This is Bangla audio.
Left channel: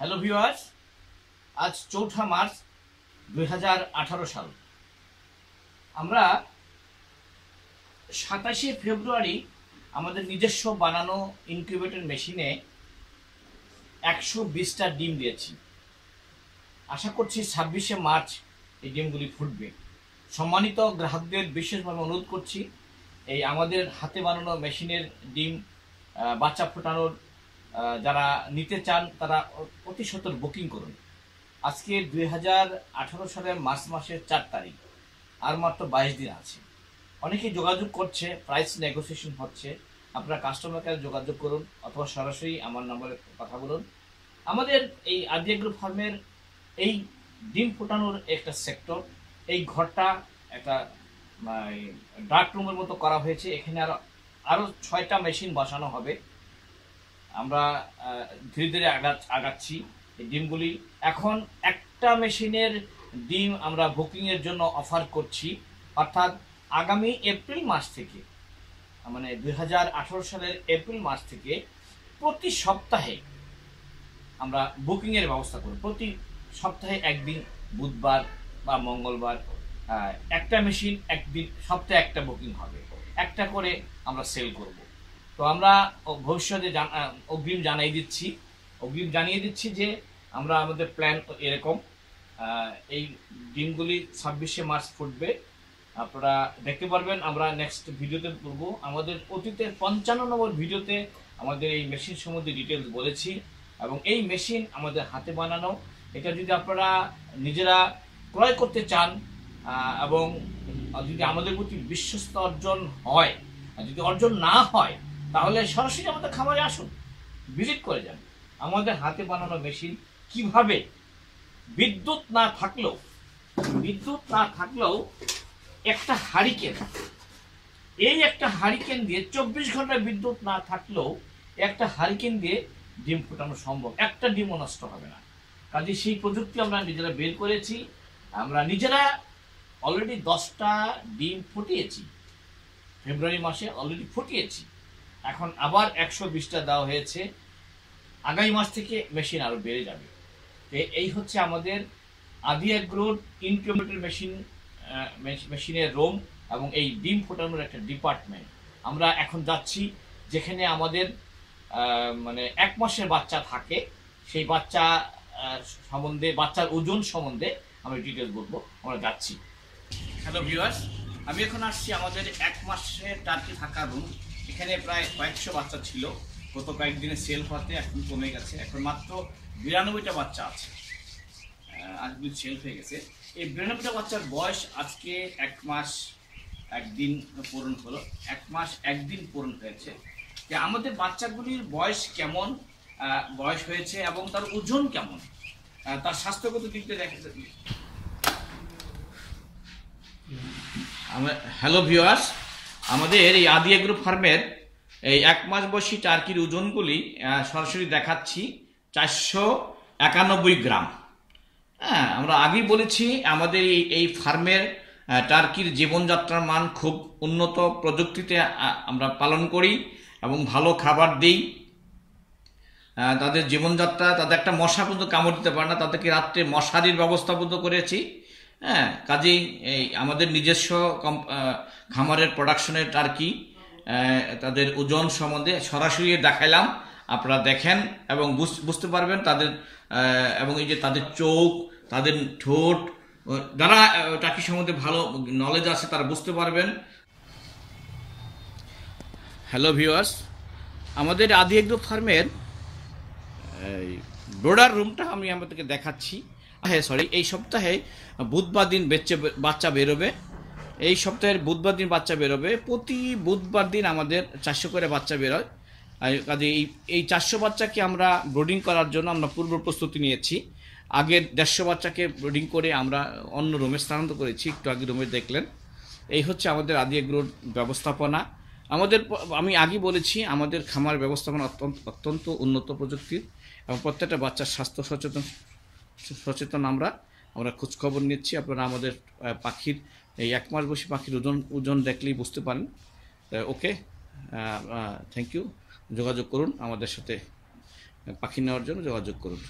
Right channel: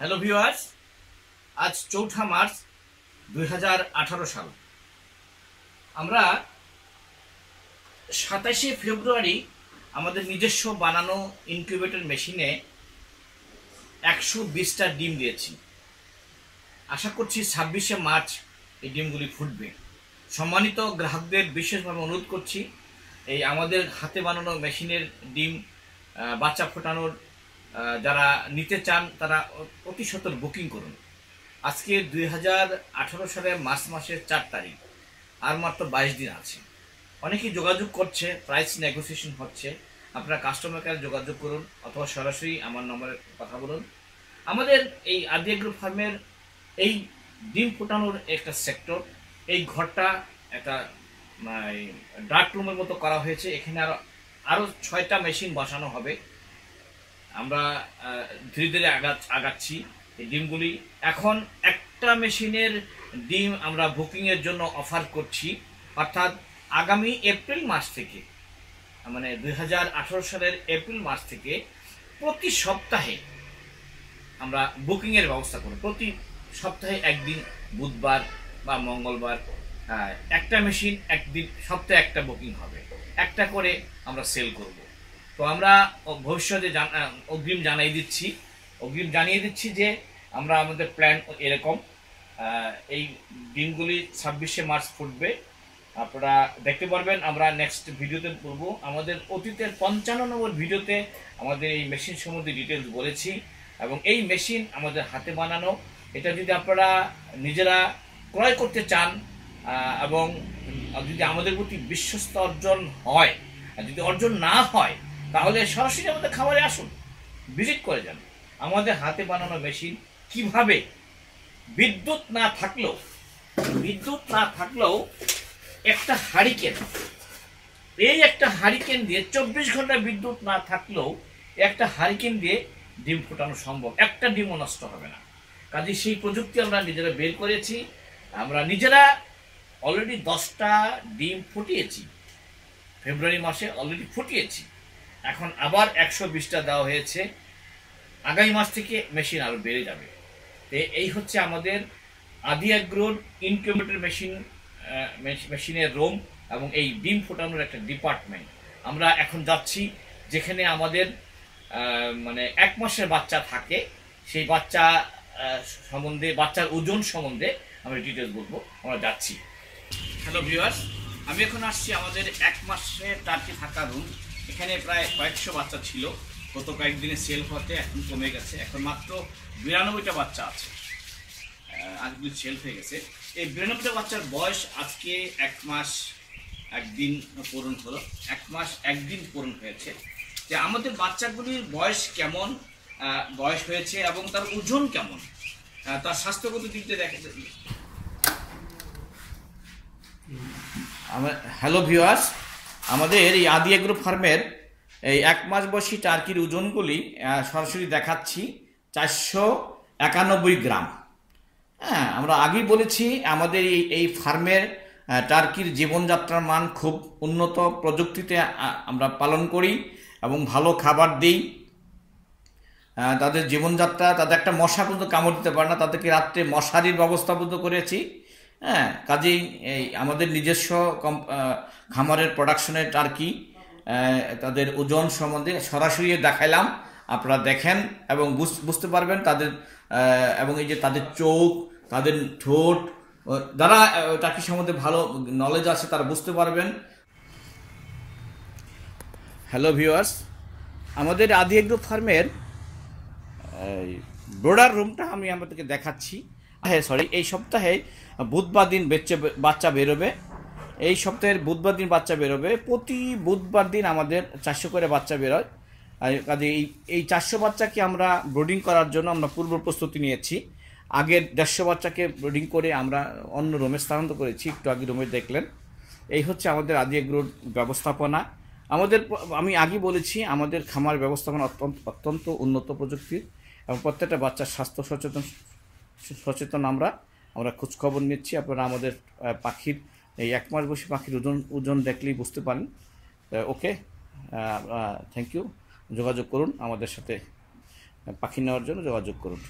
হ্যালো ভিউয়ার্স আজ চৌঠা মার্চ দুই হাজার আঠারো সাল। আমরা সাতাশে ফেব্রুয়ারি আমাদের নিজস্ব বানানো ইনকিউবেটর মেশিনে একশো বিশটা ডিম দিয়েছি। আশা করছি ছাব্বিশে মার্চ এই ডিমগুলি ফুটবে। সম্মানিত গ্রাহকদের বিশেষভাবে অনুরোধ করছি, এই আমাদের হাতে বানানো মেশিনের ডিম বাচ্চা ফোটানোর যারা নিতে চান, তারা অতি সত্তর বুকিং করুন। আজকে দুই হাজার আঠারো সালের মার্চ মাসের চার তারিখ, আর মাত্র বাইশ দিন আছে। অনেকেই যোগাযোগ করছে প্রাইস নেগোসিয়েশন হচ্ছে। আপনারা কাস্টমার কেয়ার যোগাযোগ করুন, অথবা সরাসরি আমার নম্বরে কথা বলুন। আমাদের এই আদিয়া গ্রুপ ফার্মের এই ডিম ফোটানোর একটা সেক্টর এই ঘরটা একটা ডার্ক রুমের মতো করা হয়েছে। এখানে আরও আরও ছয়টা মেশিন বসানো হবে। আমরা ধীরে ধীরে আগা আগাচ্ছি এই ডিমগুলি। এখন একটা মেশিনের ডিম আমরা বুকিংয়ের জন্য অফার করছি, অর্থাৎ আগামী এপ্রিল মাস থেকে মানে দু হাজার আঠেরো সালের এপ্রিল মাস থেকে প্রতি সপ্তাহে আমরা বুকিংয়ের ব্যবস্থা করব। প্রতি সপ্তাহে একদিন, বুধবার বা মঙ্গলবার একটা মেশিন একদিন, সপ্তাহে একটা বুকিং হবে। একটা করে আমরা সেল করব। তো আমরা ভবিষ্যতে অগ্রিম জানাই দিচ্ছি। অগ্রিম জানিয়ে দিচ্ছি যে আমরা আমাদের প্ল্যান এরকম। এই দিনগুলি ছাব্বিশে মার্চ ফুটবে। আপনারা দেখতে পারবেন, আমরা নেক্সট ভিডিওতে করব আমাদের অতীতের পঞ্চান্ন নম্বর ভিডিওতে আমাদের এই মেশিন সম্বন্ধে ডিটেলস বলেছি এবং এই মেশিন আমাদের হাতে বানানো। এটা যদি আপনারা নিজেরা ক্রয় করতে চান এবং যদি আমাদের প্রতি বিশ্বস্ত অর্জন হয়, আর যদি অর্জন না হয় তাহলে সরাসরি আমাদের খাবারে আসুন ভিজিট করে যান। আমাদের হাতে বানানো মেশিন কীভাবে বিদ্যুৎ না থাকলেও, বিদ্যুৎ না থাকলেও একটা হারিকেন এই একটা হারিকেন দিয়ে চব্বিশ ঘণ্টা বিদ্যুৎ না থাকলেও একটা হারিকেন দিয়ে ডিম ফোটানো সম্ভব। একটা ডিমও নষ্ট হবে না। কাজে সেই প্রযুক্তি আমরা নিজেরা বের করেছি। আমরা নিজেরা অলরেডি দশটা ডিম ফুটিয়েছি। ফেব্রুয়ারি মাসে অলরেডি ফুটিয়েছি। এখন আবার একশো বিশটা দেওয়া হয়েছে। আগামী মাস থেকে মেশিন আরও বেড়ে যাবে। এই হচ্ছে আমাদের আদি অ্যাগ্রোর ইনকিউবেটর মেশিন মেশিনের রোম এবং এই ডিম ফোটানোর একটা ডিপার্টমেন্ট। আমরা এখন যাচ্ছি যেখানে আমাদের মানে এক মাসের বাচ্চা থাকে। সেই বাচ্চা সম্বন্ধে, বাচ্চার ওজন সম্বন্ধে আমরা ডিটেলস বলব। আমরা যাচ্ছি। হ্যালো ভিউয়ার্স আমি এখন আসছি আমাদের এক মাসের টার্কি থাকা রুম এখানে প্রায় কয়েকশো বাচ্চা ছিল। গত কয়েকদিনে সেল হতে এখন কমে গেছে। এখন মাত্র বিরানব্বইটা বাচ্চা আছে। আজগুলি সেল হয়ে গেছে। এই বিরানব্বইটা বাচ্চার বয়স আজকে এক মাস একদিন পূরণ হলো। এক মাস একদিন পূরণ হয়েছে। যে আমাদের বাচ্চাগুলির বয়স কেমন বয়স হয়েছে এবং তার ওজন কেমন তার স্বাস্থ্যগত দিক দিয়ে দেখা হ্যালো ভিউয়ার্স আমাদের এই আদি এগ্রো ফার্মের এই এক মাস বয়সী টার্কির ওজনগুলি সরাসরি দেখাচ্ছি, চারশো একানব্বই গ্রাম। হ্যাঁ আমরা আগেই বলেছি, আমাদের এই এই ফার্মের টার্কির জীবনযাত্রার মান খুব উন্নত প্রযুক্তিতে আমরা পালন করি এবং ভালো খাবার দিই। তাদের জীবনযাত্রা, তাদের একটা মশা পর্যন্ত কামড় দিতে পারে না, তাদেরকে রাত্রে মশারির ব্যবস্থা পর্যন্ত করেছি। হ্যাঁ কাজেই এই আমাদের নিজস্ব খামারের প্রোডাকশনের টার্কি আহ, তাদের ওজন সম্বন্ধে সরাসরি দেখাইলাম। আপনারা দেখেন এবং বুঝ- বুঝতে পারবেন তাদের এবং এই যে তাদের চোখ তাদের ঠোঁট যারা টার্কি সম্বন্ধে ভালো নলেজ আছে তারা বুঝতে পারবেন। হ্যালো ভিউয়ার্স আমাদের আদি এগ্রো ফার্মের ব্রোডার রুমটা আমি আমাদেরকে দেখাচ্ছি। হ্যাঁ সরি এই সপ্তাহে বুধবার দিন বেচে বাচ্চা বেরোবে। এই সপ্তাহের বুধবার দিন বাচ্চা বেরোবে। প্রতি বুধবার দিন আমাদের চারশো করে বাচ্চা বেরোয়। কাজে এই এই চারশো বাচ্চাকে আমরা ব্রোডিং করার জন্য আমরা পূর্ব প্রস্তুতি নিয়েছি। আগের দেড়শো বাচ্চাকে ব্রোডিং করে আমরা অন্য রুমে স্থানান্তর করেছি। একটু আগে রুমে দেখলেন। এই হচ্ছে আমাদের আদি এগ্রোর ব্যবস্থাপনা। আমাদের আমি আগে বলেছি, আমাদের খামার ব্যবস্থাপনা অত্যন্ত অত্যন্ত উন্নত প্রযুক্তির এবং প্রত্যেকটা বাচ্চার স্বাস্থ্য সচেতন সচেতন আমরা আমরা খোঁজখবর নিচ্ছি। আপনারা আমাদের পাখির, এই এক মাস বসে পাখির ওজন ওজন দেখলেই বুঝতে পারেন। ওকে থ্যাংক ইউ যোগাযোগ করুন আমাদের সাথে, পাখি নেওয়ার জন্য যোগাযোগ করুন।